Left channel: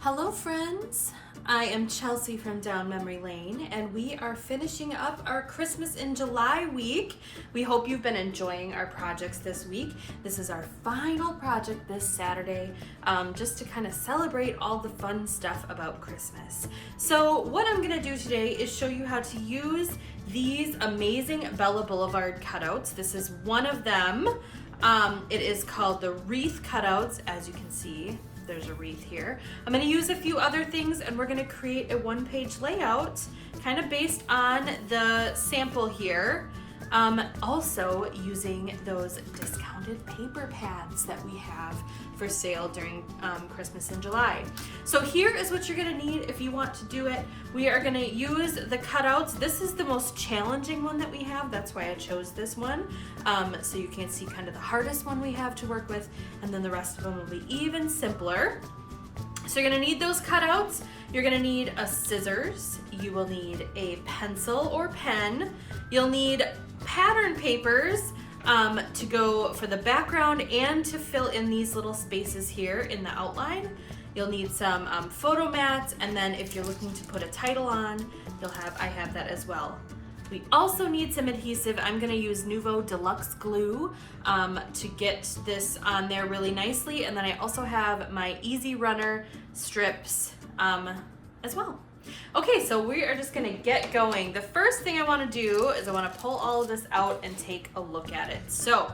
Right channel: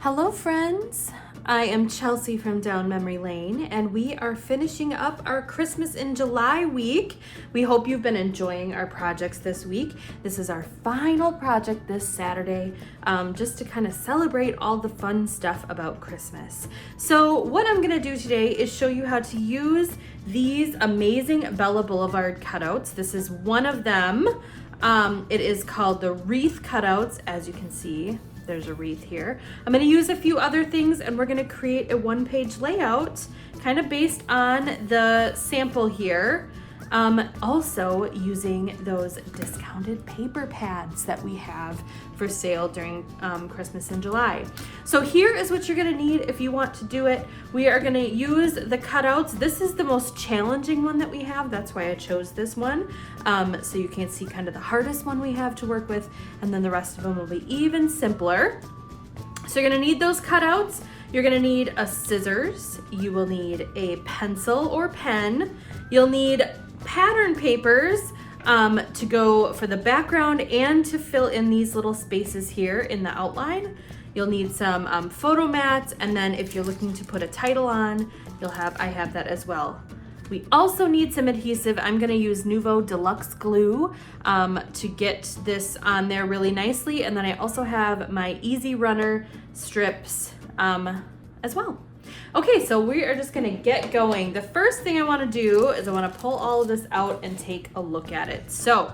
Hello friends, I am Chelsea from Down Memory Lane and we are finishing up our Christmas in July week. We hope you've been enjoying our projects this week. This is our final project this Saturday, just to kind of celebrate all the fun stuff about Christmas. So what I'm going to do today is show you how to use these amazing Bella Blvd cutouts. This is one of them. It is called the Wreath Cutouts, as you can see. There's a wreath here. I'm going to use a few other things and we're going to create a one-page layout kind of based on the sample here. Also using those discounted paper pads that we have for sale during Christmas in July. So here is what you're going to need if you want to do it. We are going to use the cutouts. This is the most challenging one that we have. That's why I chose this one. So you can see kind of the hardest one we have to work with, and then the rest of them will be even simpler. So you're going to need those cutouts. You're going to need a scissors. You will need a pencil or pen. You'll need pattern papers to go for the background and to fill in these little spaces here in the outline. You'll need some photo mats, and then if you're looking to put a title on, I have that as well. We also need some adhesive. I'm going to use Nuvo Deluxe Glue to get this on there really nicely, and then I also have my Easy Runner strips as well. Okay, so we are just gonna get going. The first thing I wanna do is I wanna pull all of this out and take a look at it. So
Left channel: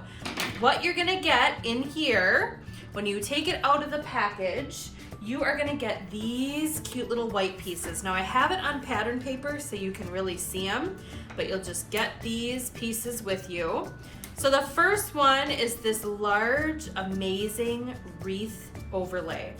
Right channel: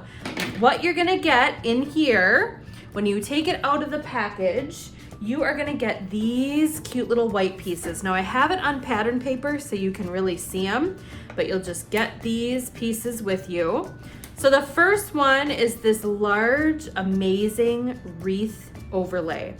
what you're gonna get in here, when you take it out of the package, you are gonna get these cute little white pieces. Now I have it on pattern paper so you can really see them, but you'll just get these pieces with you. So the first one is this large, amazing wreath overlay.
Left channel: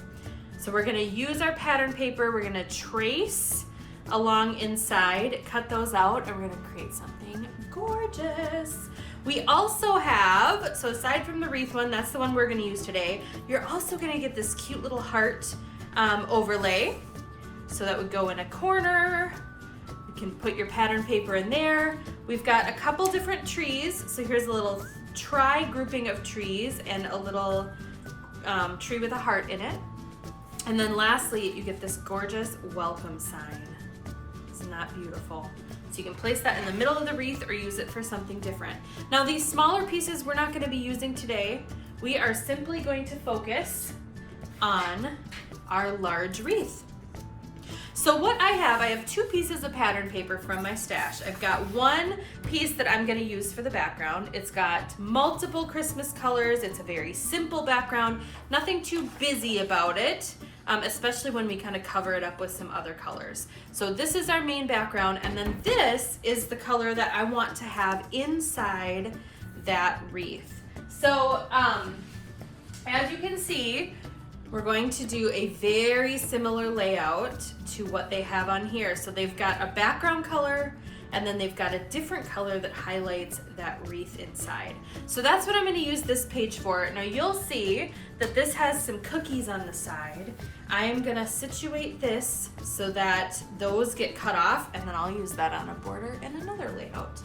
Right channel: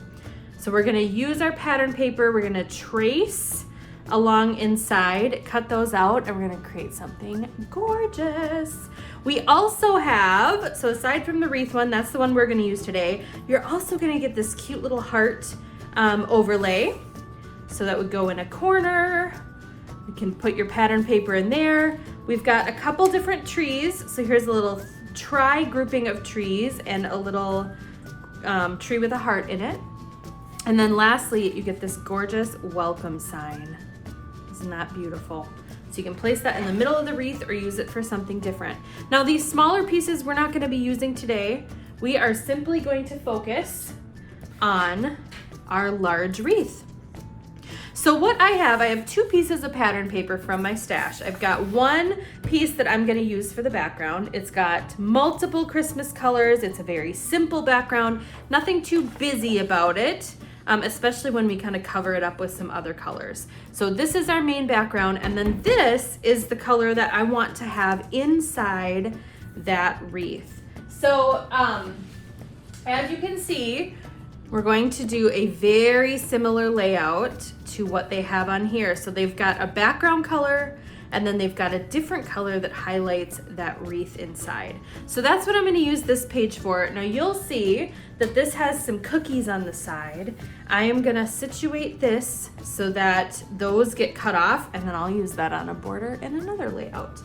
So we're gonna use our pattern paper, we're gonna trace along inside, cut those out, and we're gonna create something gorgeous. We also have, so aside from the wreath one, that's the one we're gonna use today, you're also gonna get this cute little heart overlay. So that would go in a corner. You can put your pattern paper in there. We've got a couple different trees. So here's a little grouping of trees and a little tree with a heart in it. And then lastly, you get this gorgeous welcome sign. Isn't that beautiful? So you can place that in the middle of the wreath or use it for something different. Now these smaller pieces we're not going to be using today. We are simply going to focus on our large wreath. So what I have two pieces of pattern paper from my stash. I've got one piece that I'm going to use for the background. It's got multiple Christmas colors. It's a very simple background, nothing too busy about it. Especially when we kind of cover it up with some other colors. So this is our main background, and then this is the color that I want to have inside that wreath. So as you can see, we're going to do a very similar layout to what they have on here. So they've got a background color, and then they've got a different color that highlights that wreath inside. So that's what I'm going to use this page for. Now you'll see that this has some cookies on the side. I am going to situate this so that those get cut off, and then I'll use that on a border in another layout.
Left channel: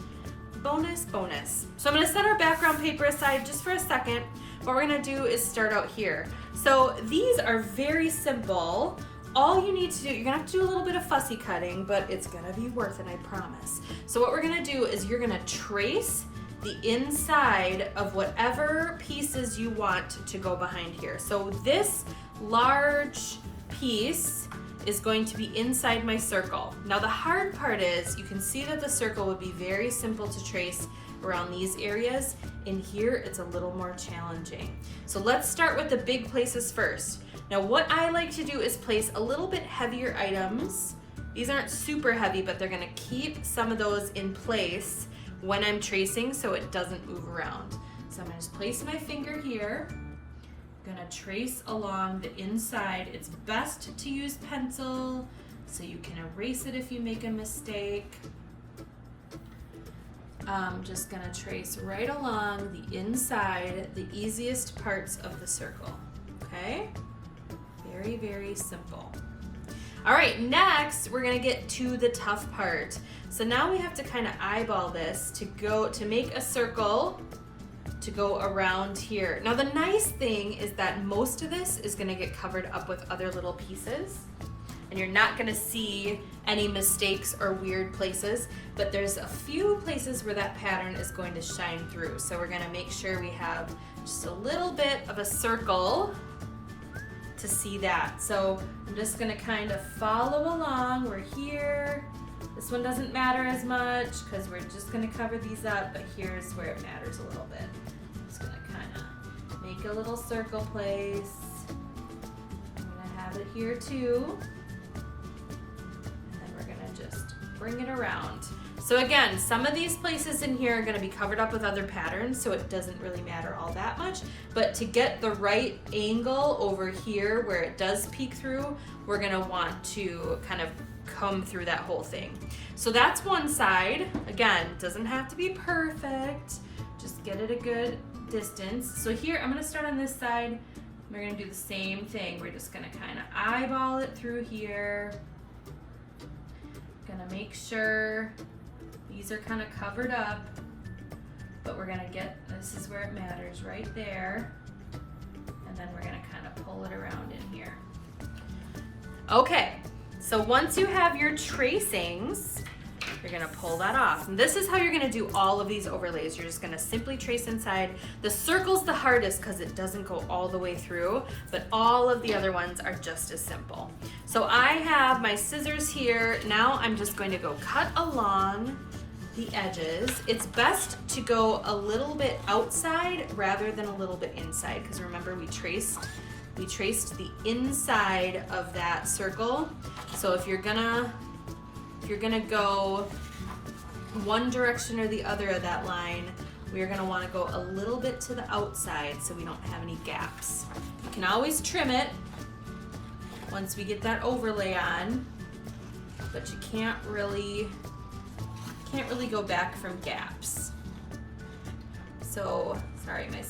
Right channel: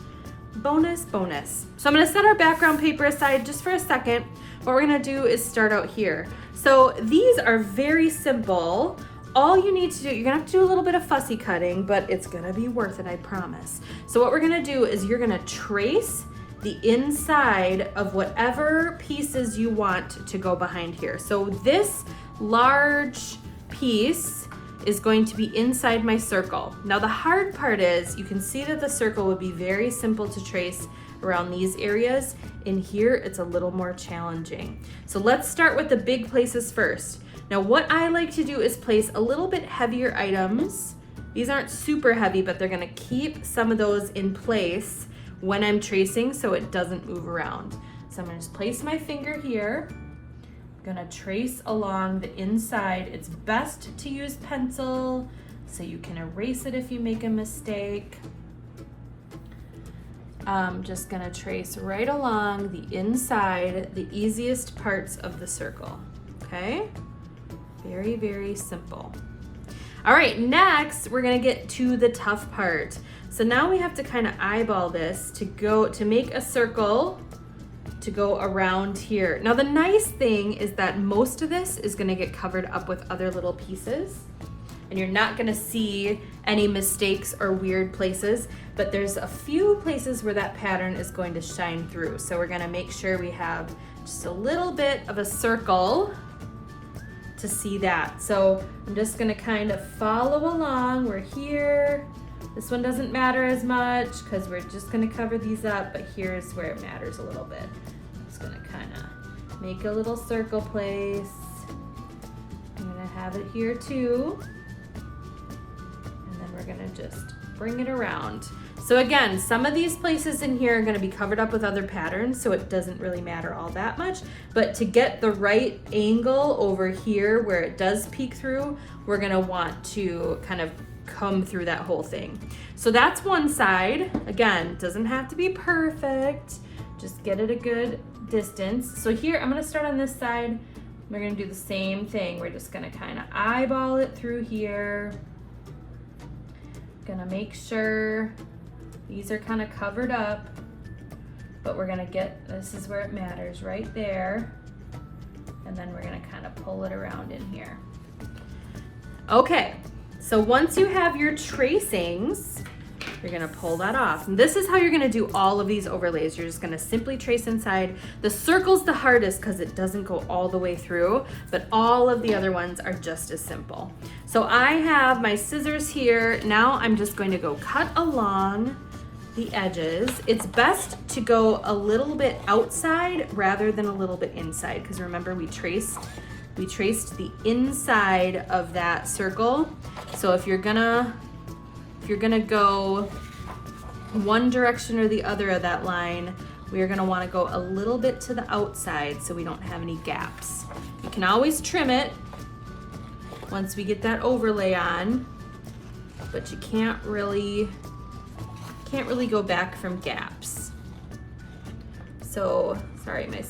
Bonus, bonus. So I'm going to set our background paper aside just for a second. What we're going to do is start out here. So these are very simple. All you need to do, you're gonna have to do a little bit of fussy cutting, but it's gonna be worth it, I promise. So what we're gonna do is you're gonna trace the inside of whatever pieces you want to go behind here. So this large piece is going to be inside my circle. Now the hard part is, you can see that the circle will be very simple to trace around these areas. In here, it's a little more challenging. So let's start with the big places first. Now what I like to do is place a little bit heavier items. These aren't super heavy, but they're gonna keep some of those in place when I'm tracing so it doesn't move around. So I'm gonna just place my finger here. I'm gonna trace along the inside. It's best to use pencil so you can erase it if you make a mistake. I'm just gonna trace right along the inside, the easiest parts of the circle, okay? Very, very simple. All right, next we're gonna get to the tough part. So now we have to kind of eyeball this to make a circle to go around here. Now the nice thing is that most of this is gonna get covered up with other little pieces, and you're not gonna see any mistakes or weird places, but there's a few places where that pattern is going to shine through. So we're gonna make sure we have just a little bit of a circle to see that. So I'm just gonna kind of follow along. We're here. This one doesn't matter as much because we're just gonna cover these up, but here's where it matters a little bit. Just gonna kind of make a little circle place. I'm gonna have it here too. And then we're gonna just bring it around. So again, some of these places in here are gonna be covered up with other patterns, so it doesn't really matter all that much. But to get the right angle over here where it does peek through, we're gonna want to kind of come through that whole thing. So that's one side. Again, doesn't have to be perfect. Just get it a good distance. So here, I'm gonna start on this side. We're gonna do the same thing. We're just gonna kind of eyeball it through here. Gonna make sure these are kind of covered up, but we're gonna get, this is where it matters, right there. And then we're gonna kind of pull it around in here. Okay. So once you have your tracings, you're gonna pull that off. And this is how you're gonna do all of these overlays. You're just gonna simply trace inside. The circle's the hardest because it doesn't go all the way through, but all of the other ones are just as simple. So I have my scissors here. Now I'm just going to go cut along the edges. It's best to go a little bit outside rather than a little bit inside, because remember we traced the inside of that circle. So if you're gonna go one direction or the other of that line, we're gonna wanna go a little bit to the outside so we don't have any gaps. You can always trim it once we get that overlay on, but you can't really go back from gaps. So, sorry, my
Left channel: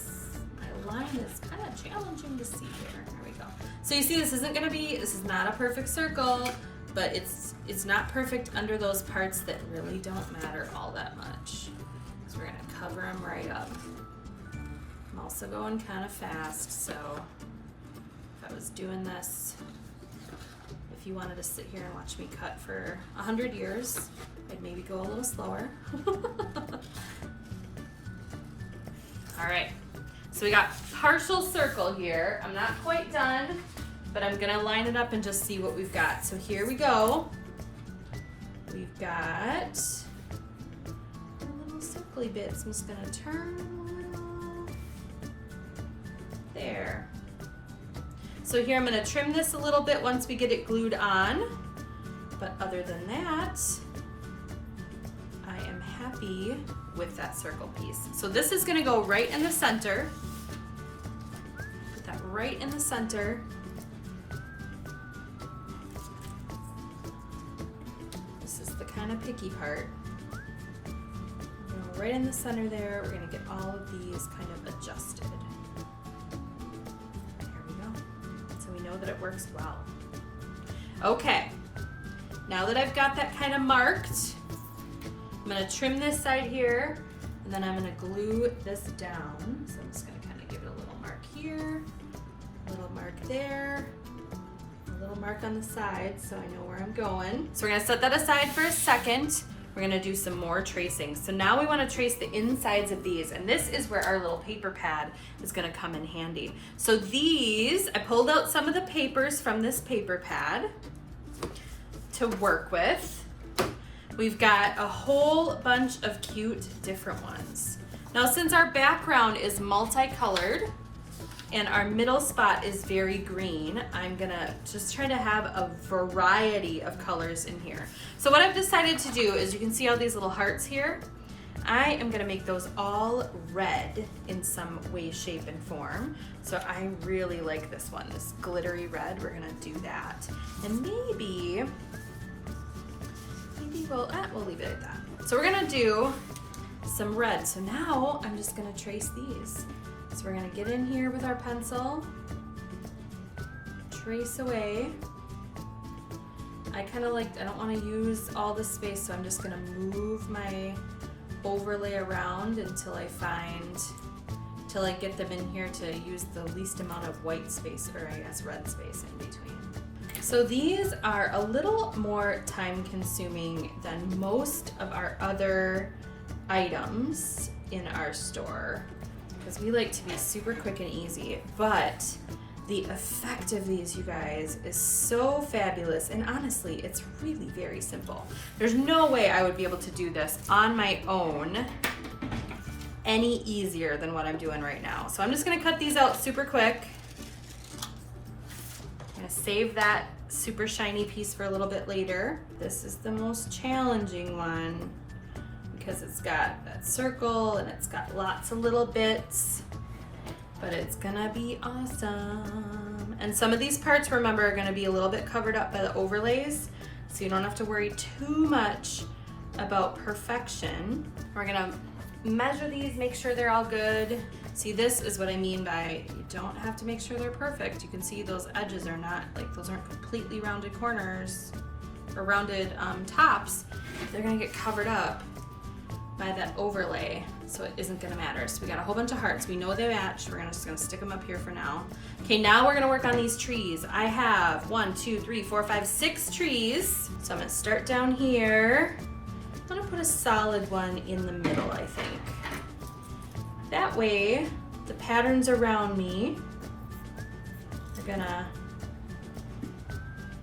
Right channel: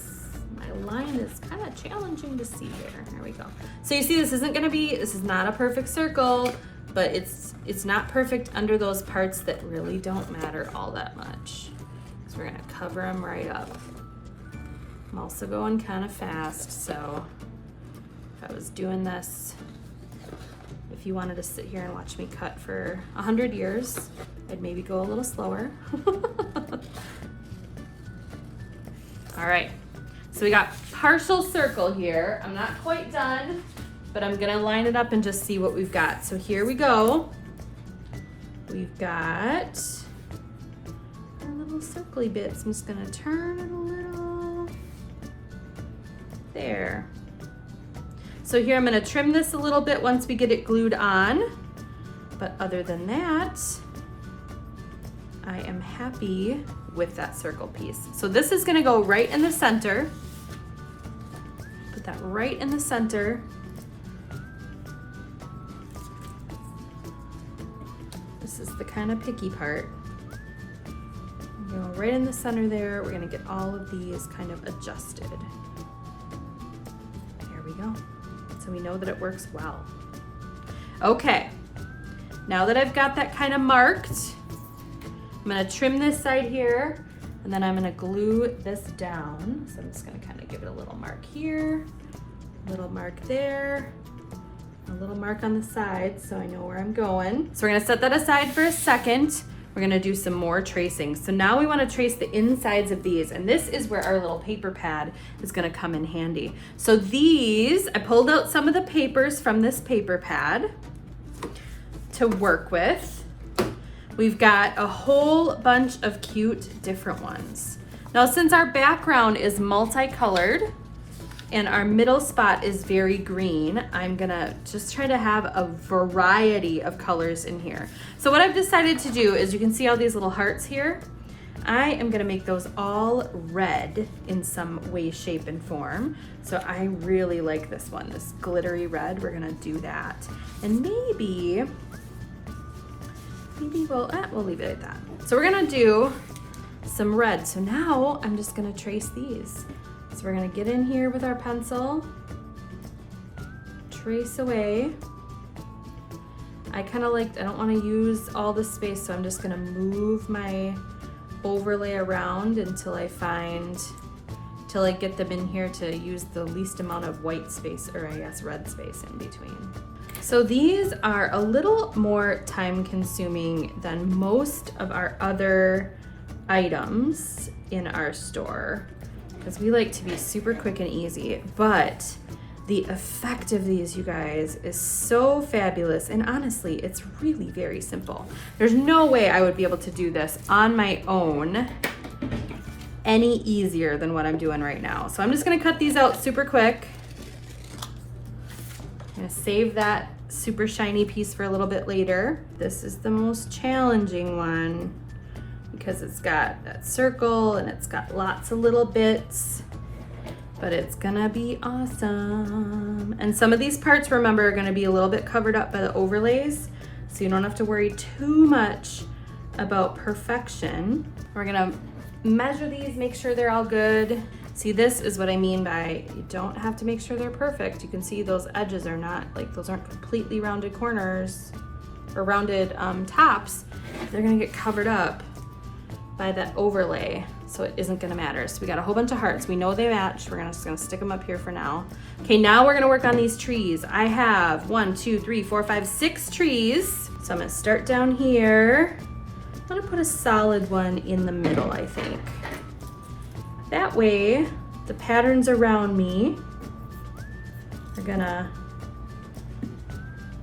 line is kind of challenging to see here. There we go. So you see, this is not a perfect circle, but it's not perfect under those parts that really don't matter all that much. So we're gonna cover them right up. I'm also going kind of fast, so if I was doing this, if you wanted to sit here and watch me cut for 100 years, I'd maybe go a little slower. All right. So we got partial circle here. I'm not quite done, but I'm gonna line it up and just see what we've got. So here we go. We've got little circly bits. I'm just gonna turn it a little. There. So here I'm gonna trim this a little bit once we get it glued on. But other than that, I am happy with that circle piece. So this is gonna go right in the center. Put that right in the center. This is the kind of picky part. Go right in the center there. We're gonna get all of these kind of adjusted. There we go. So we know that it works well. Okay, now that I've got that kind of marked, I'm gonna trim this side here, and then I'm gonna glue this down. So I'm just gonna kind of give it a little mark here, a little mark there, a little mark on the side so I know where I'm going. So we're gonna set that aside for a second. We're gonna do some more tracing. So now we wanna trace the insides of these, and this is where our little paper pad is gonna come in handy. So these, I pulled out some of the papers from this paper pad to work with. We've got a whole bunch of cute different ones. Now, since our background is multicolored and our middle spot is very green, I'm gonna just try to have a variety of colors in here. So what I've decided to do is, you can see all these little hearts here. I am gonna make those all red in some way, shape, and form. So I really like this one, this glittery red. We're gonna do that. And maybe we'll leave it at that. So we're gonna do some red. So now I'm just gonna trace these. So we're gonna get in here with our pencil, trace away. I don't wanna use all the space, so I'm just gonna move my overlay around until I find to like get them in here to use the least amount of white space, or I guess red space in between. So these are a little more time consuming than most of our other items in our store, because we like to be super quick and easy, but the effect of these, you guys, is so fabulous. And honestly, it's really very simple. There's no way I would be able to do this on my own any easier than what I'm doing right now. So I'm just gonna cut these out super quick. I'm gonna save that super shiny piece for a little bit later. This is the most challenging one because it's got that circle and it's got lots of little bits, but it's gonna be awesome. And some of these parts, remember, are gonna be a little bit covered up by the overlays, so you don't have to worry too much about perfection. We're gonna measure these, make sure they're all good. See, this is what I mean by you don't have to make sure they're perfect. You can see those edges are not, like, those aren't completely rounded corners or rounded tops. They're gonna get covered up by that overlay, so it isn't gonna matter. So we got a whole bunch of hearts. We know they match. We're just gonna stick them up here for now. Okay, now we're gonna work on these trees. I have 1, 2, 3, 4, 5, 6 trees. So I'm gonna start down here. I'm gonna put a solid one in the middle, I think. That way, the patterns around me are gonna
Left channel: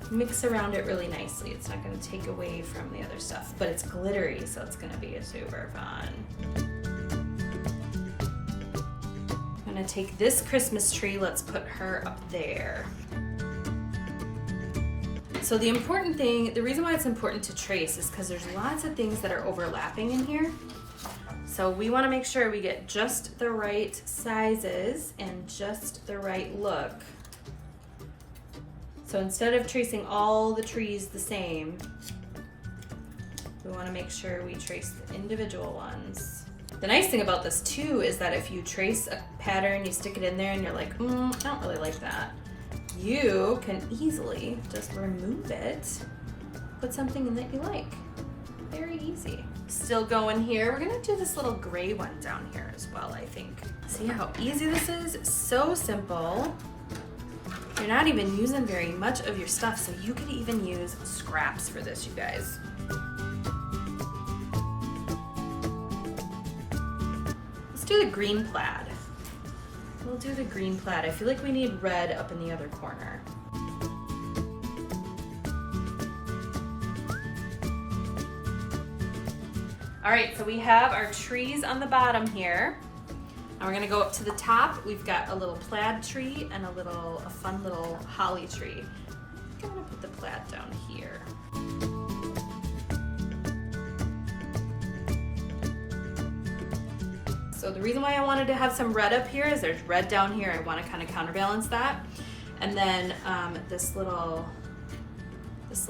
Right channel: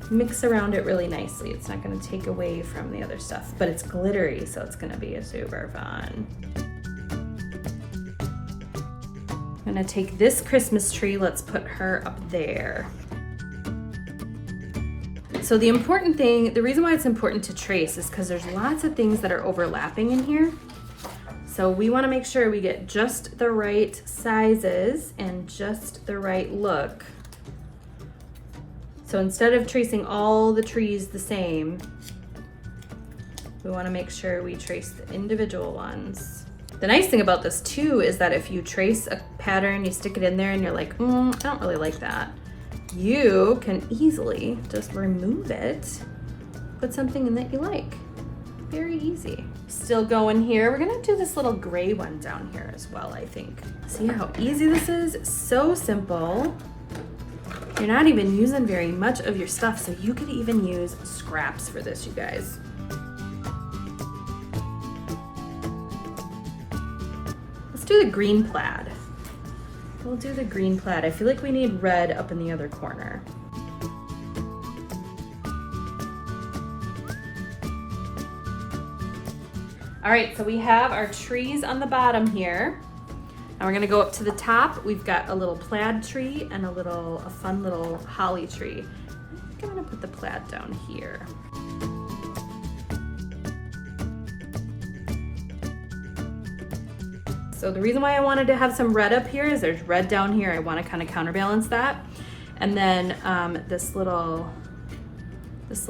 mix around it really nicely. It's not gonna take away from the other stuff, but it's glittery, so it's gonna be super fun. I'm gonna take this Christmas tree, let's put her up there. So the important thing, the reason why it's important to trace is because there's lots of things that are overlapping in here. So we want to make sure we get just the right sizes and just the right look. So instead of tracing all the trees the same, we want to make sure we trace the individual ones. The nice thing about this too is that if you trace a pattern, you stick it in there and you're like, I don't really like that, you can easily just remove it, put something in that you like. Very easy. Still going here. We're gonna do this little gray one down here as well, I think. See how easy this is? So simple. You're not even using very much of your stuff, so you could even use scraps for this, you guys. Let's do the green plaid. We'll do the green plaid. I feel like we need red up in the other corner. All right, so we have our trees on the bottom here. Now we're gonna go up to the top. We've got a little plaid tree and a fun little holly tree. I think I'm gonna put the plaid down here. So the reason why I wanted to have some red up here is there's red down here. I want to kind of counterbalance that. And then this little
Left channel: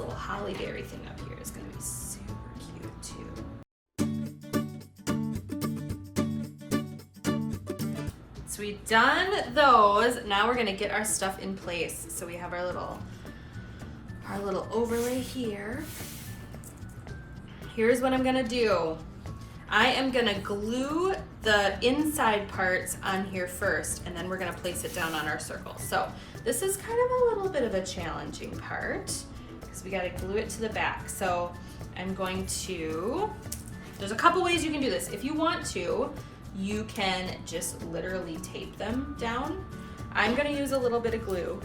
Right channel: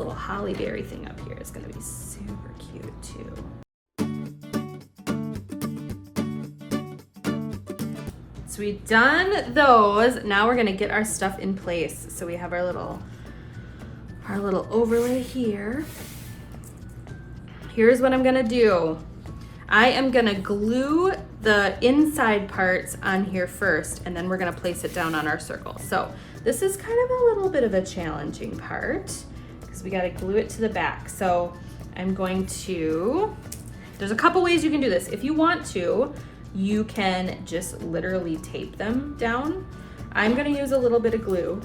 holly berry thing up here is gonna be super cute too. So we've done those. Now we're gonna get our stuff in place. So we have our little overlay here. Here's what I'm gonna do. I am gonna glue the inside parts on here first, and then we're gonna place it down on our circle. So this is kind of a little bit of a challenging part because we gotta glue it to the back. So I'm going to, there's a couple ways you can do this. If you want to, you can just literally tape them down. I'm gonna use a little bit of glue,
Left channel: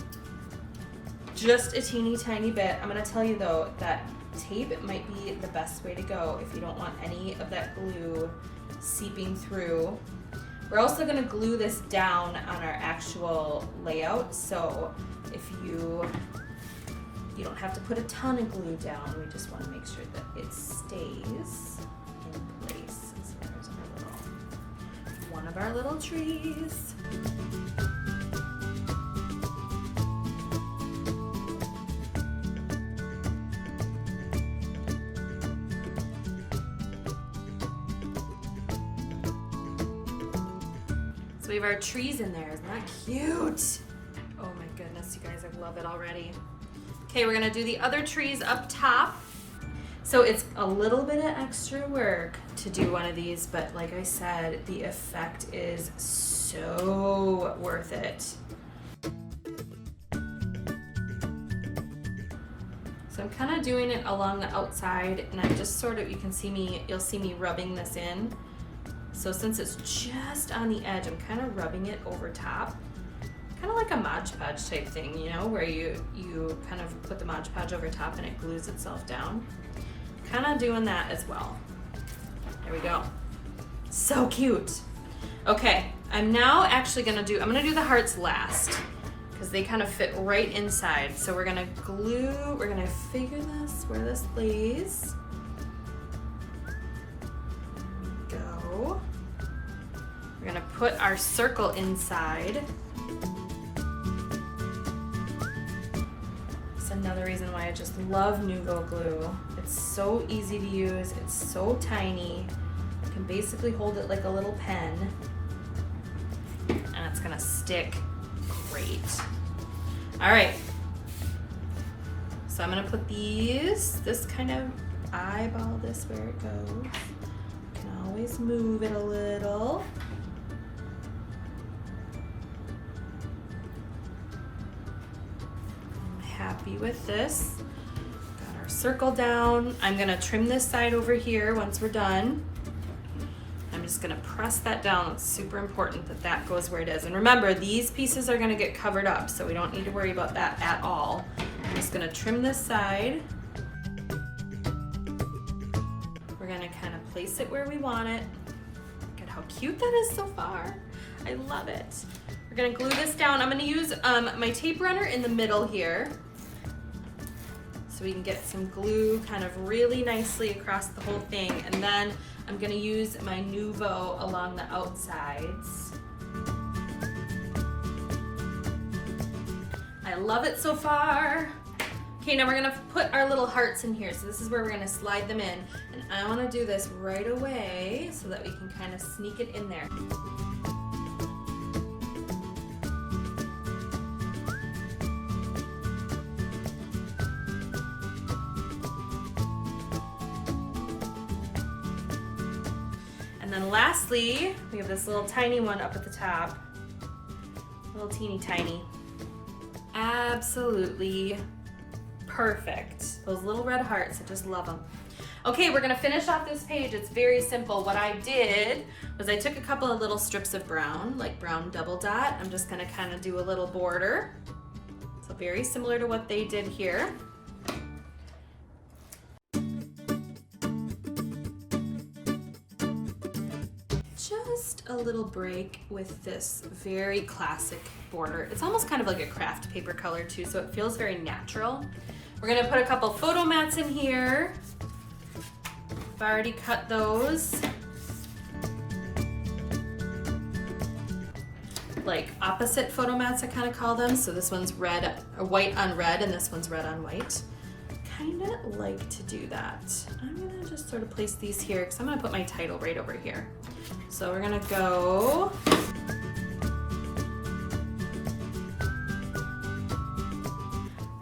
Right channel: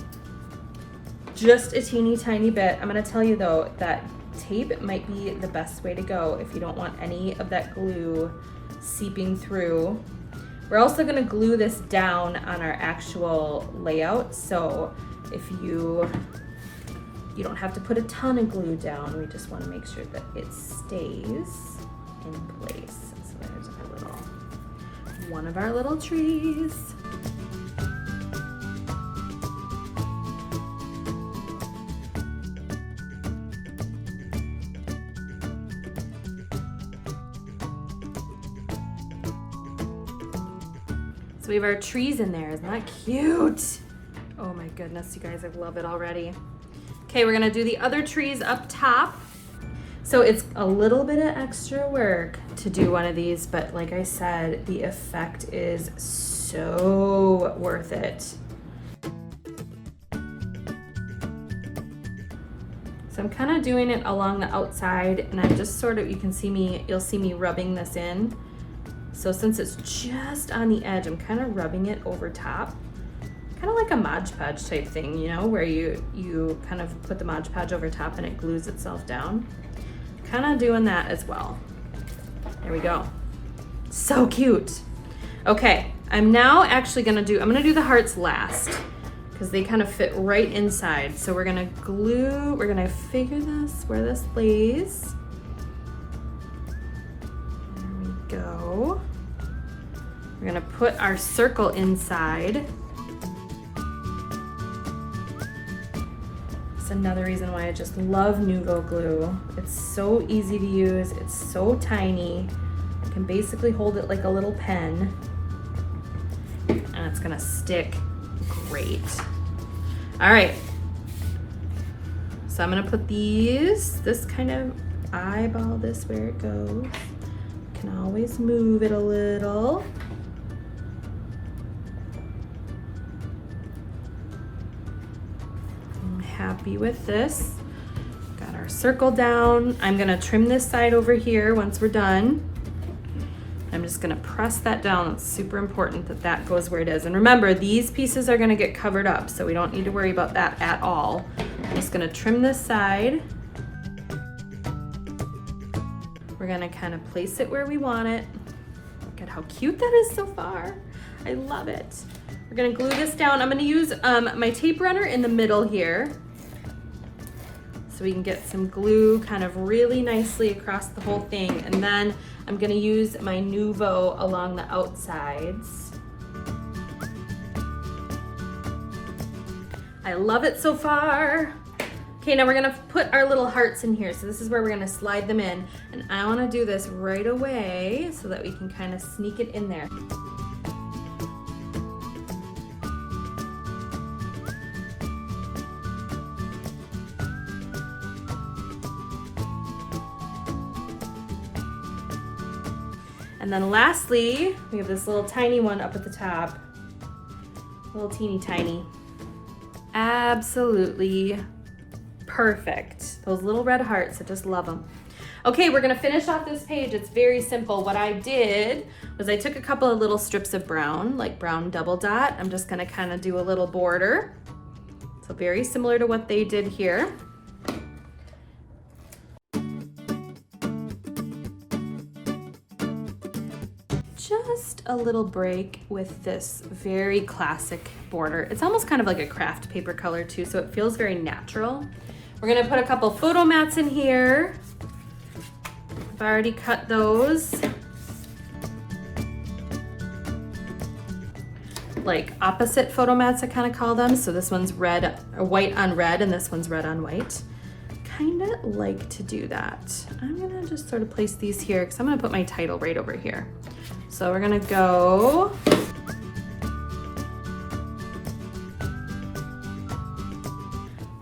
just a teeny tiny bit. I'm gonna tell you though that tape might be the best way to go if you don't want any of that glue seeping through. We're also gonna glue this down on our actual layout, so if you don't have to put a ton of glue down, we just wanna make sure that it stays in place. So there's one of our little trees. So we have our trees in there. Isn't that cute? Oh my goodness, you guys, I love it already. Okay, we're gonna do the other trees up top. So it's a little bit of extra work to do one of these, but like I said, the effect is so worth it. So I'm kind of doing it along the outside, and I just sort of, you'll see me rubbing this in. So since it's just on the edge, I'm kind of rubbing it over top. Kind of like a Mod Podge type thing, you know, where you kind of put the Mod Podge over top and it glues itself down. Kind of doing that as well. There we go. So cute. Okay, I'm now actually I'm gonna do the hearts last because they kind of fit right inside. So we're gonna figure this, where this lays. There we go. We're gonna put our circle inside. It's another reason why I just love Nuvo glue. It's so easy to use, it's so tiny. You can basically hold it like a little pen, and it's gonna stick great. All right, so I'm gonna put this kind of eyeball this where it goes. You can always move it a little. I'm happy with this. Got our circle down. I'm gonna trim this side over here once we're done. I'm just gonna press that down. It's super important that that goes where it is. And remember, these pieces are gonna get covered up, so we don't need to worry about that at all. I'm just gonna trim this side. We're gonna kind of place it where we want it. Look at how cute that is so far. I love it. We're gonna glue this down. I'm gonna use my tape runner in the middle here, so we can get some glue kind of really nicely across the whole thing. And then I'm gonna use my Nuvo along the outsides. I love it so far. Okay, now we're gonna put our little hearts in here. So this is where we're gonna slide them in. And I wanna do this right away so that we can kind of sneak it in there. And then lastly, we have this little tiny one up at the top. A little teeny tiny. Absolutely perfect. Those little red hearts, I just love them. Okay, we're gonna finish off this page. It's very simple. What I did was I took a couple of little strips of brown, like brown double dot. I'm just gonna kind of do a little border. So very similar to what they did here. Just a little break with this very classic border. It's almost kind of like a craft paper color too, so it feels very natural. We're gonna put a couple photo mats in here. I've already cut those. Like opposite photo mats, I kind of call them. So this one's red, or white on red, and this one's red on white. Kind of like to do that. I'm gonna just sort of place these here because I'm gonna put my title right over here. So we're gonna go.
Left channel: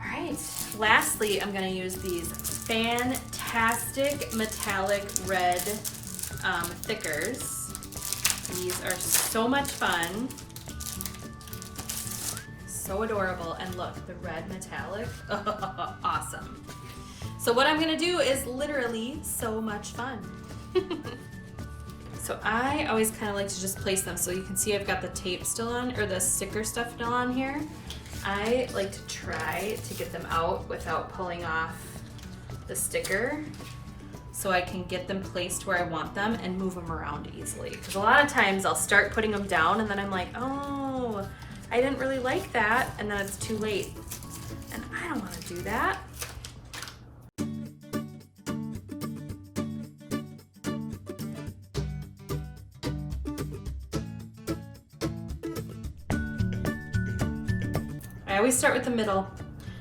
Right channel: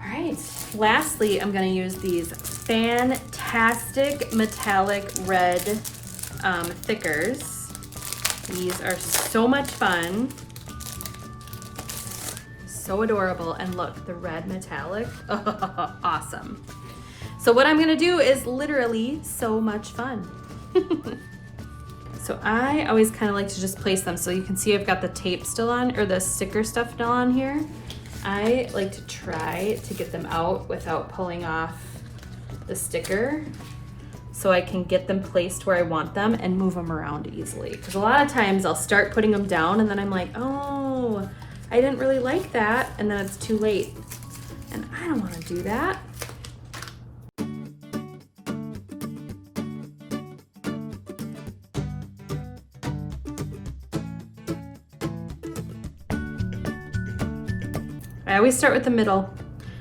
All right, lastly, I'm gonna use these fantastic metallic red thickers. These are so much fun. So adorable, and look, the red metallic, oh, awesome. So what I'm gonna do is literally so much fun. So I always kind of like to just place them, so you can see I've got the tape still on, or the sticker stuff still on here. I like to try to get them out without pulling off the sticker, so I can get them placed where I want them and move them around easily. Because a lot of times I'll start putting them down and then I'm like, oh, I didn't really like that, and then it's too late. And I don't want to do that. I always start with the middle.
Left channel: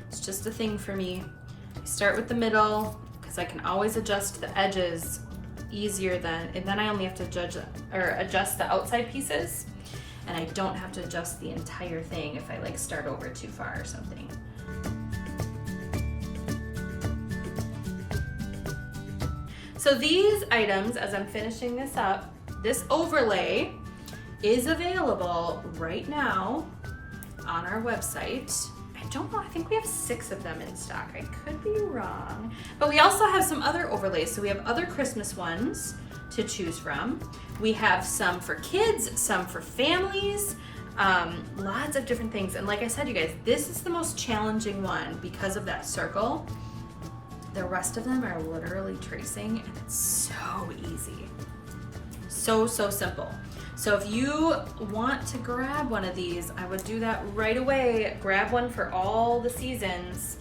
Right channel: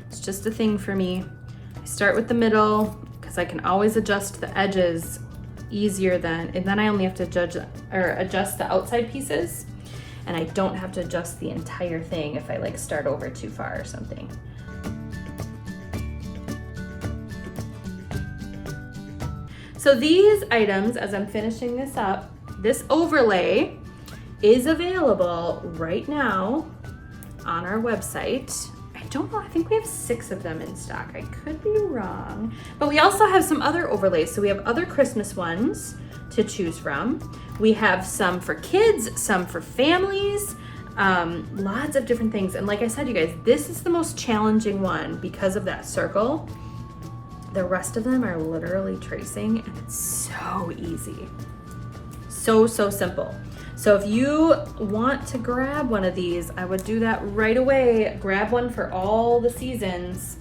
It's just a thing for me. I start with the middle because I can always adjust the edges easier and then I only have to adjust the outside pieces. And I don't have to adjust the entire thing if I like start over too far or something. So these items, as I'm finishing this up, this overlay is available right now on our website. I don't know, I think we have 6 of them in stock. I could be wrong. But we also have some other overlays. So we have other Christmas ones to choose from. We have some for kids, some for families, lots of different things. And like I said, you guys, this is the most challenging one because of that circle. The rest of them are literally tracing, and it's so easy. So simple. So if you want to grab one of these, I would do that right away. Grab one for all the seasons.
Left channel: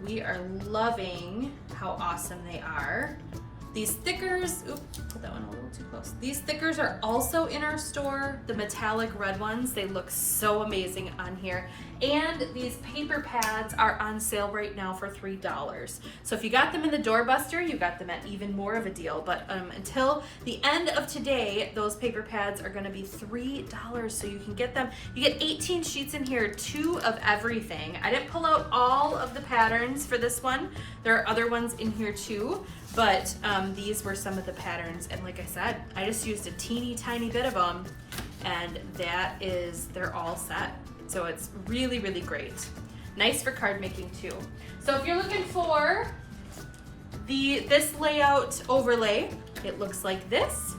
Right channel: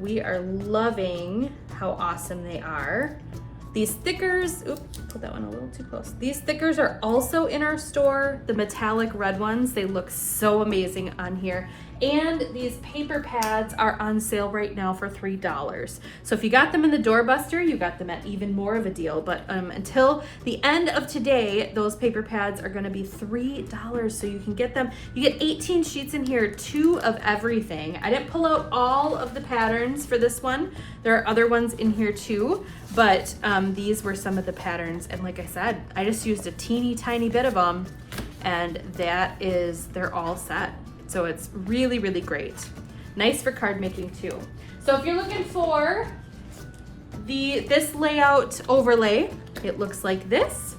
We are loving how awesome they are. These stickers, oops, put that one a little too close. These stickers are also in our store, the metallic red ones. They look so amazing on here. And these paper pads are on sale right now for $3. So if you got them in the Doorbuster, you got them at even more of a deal. But until the end of today, those paper pads are gonna be $3, so you can get them. You get 18 sheets in here, 2 of everything. I didn't pull out all of the patterns for this one. There are other ones in here too, but these were some of the patterns. And like I said, I just used a teeny tiny bit of them, and they're all set. So it's really great. Nice for card making too. So if you're looking for this layout overlay, it looks like this.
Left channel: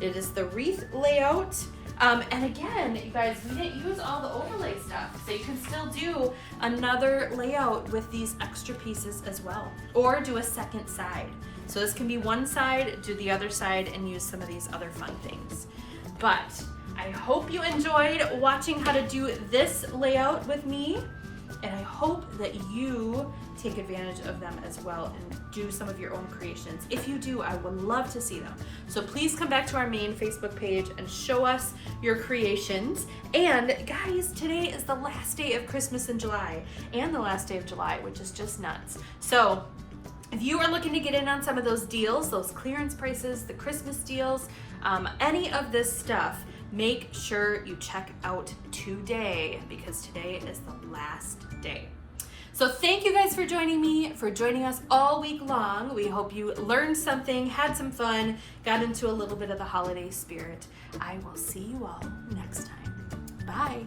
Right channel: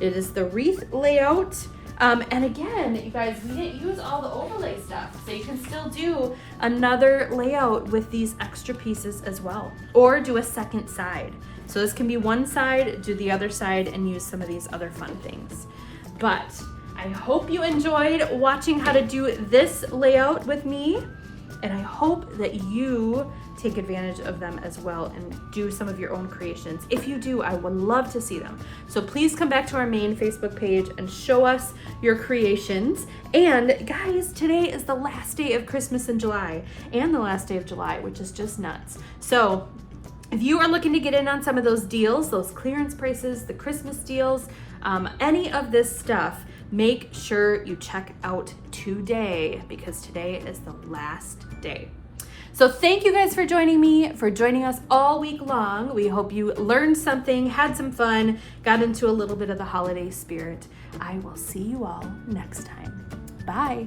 It is the wreath layout. And again, you guys, we didn't use all the overlay stuff, so you can still do another layout with these extra pieces as well, or do a second side. So this can be one side, do the other side, and use some of these other fun things. But I hope you enjoyed watching how to do this layout with me, and I hope that you take advantage of them as well and do some of your own creations. If you do, I would love to see them. So please come back to our main Facebook page and show us your creations. And guys, today is the last day of Christmas in July, and the last day of July, which is just nuts. So if you are looking to get in on some of those deals, those clearance prices, the Christmas deals, any of this stuff, make sure you check out today, because today is the last day. So thank you guys for joining us all week long. We hope you learned something, had some fun, got into a little bit of the holiday spirit. I will see you all next time. Bye.